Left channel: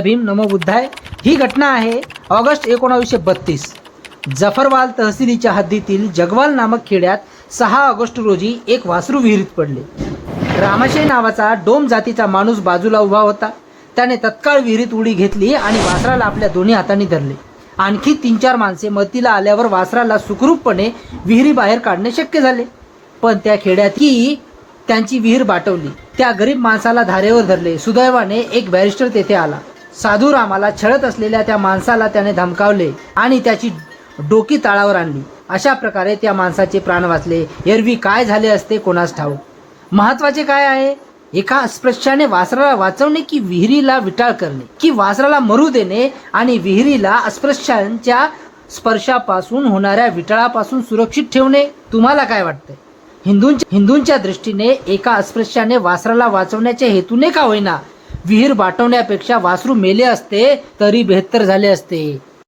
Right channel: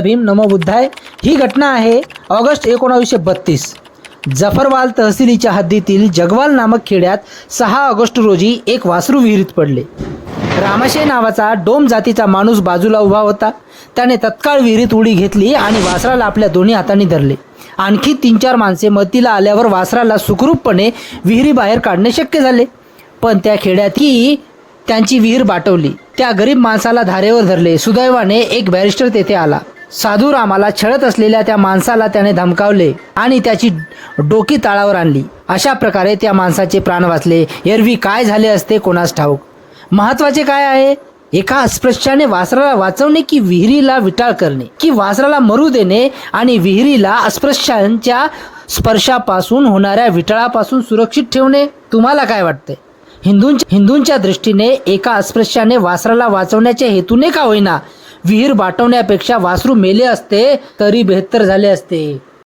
भीम नमो बुद्धाय. ही घटना आहे ऑगस्ट एकोणावीसशे बत्तीस. जफरवाल तहसीलीच्या हद्दीतील जगवाल नामक खेड्यात सहा ऑगस्ट रोजी एक वासरू विहिरीत पडले. रामाशय नावाचा डोम जातीचा माणूस बाजूला उभा होता. त्याने तत्काळ विहिरीत उडी घेतली आणि वासराला आपल्या दोन्ही हातांनी धरले. आणखी तीन चार माणसे मतीला आल्यावर वासराला सुखरूपपणे विहिरीबाहेर काढणे शक्य झाले. पण त्या खेड्यात ही त्यांची विहीर बाटवली. त्या गरीब माणसाला धारेवर धरले. सुदैवाने एक बॅरिस्टर तेथे आला. साधूरामाला छळत असलेल्या त्या माणसाला त्याने धमकावले आणि त्याची डोकी ताळावर आणली. अशा प्रकारे त्या माणसाचे प्राण वाचले. एरवी काय झाले असते कोणास ठाऊक? महत्त्वाचे काय आहे? एका अस्पृश्याने वासराला वाचवणे की विहिरीला विटाळ करणे? की वासराला मरू देणे आणि विहिरीला अस्पृश्यांच्या स्पर्शापासून होणाऱ्या विटाळापासून सुरक्षित ठेवणे? तुम्हाला काय वाटते हिंदूंच्या हिंदूंच्या दृष्टीने एका अस्पृश्याने वासराला वाचवण्याच्या हेतूने का होईना? विहीर बाटवण्यापेक्षा वासरू मेले असते तरी बेहत्तर झाले असते.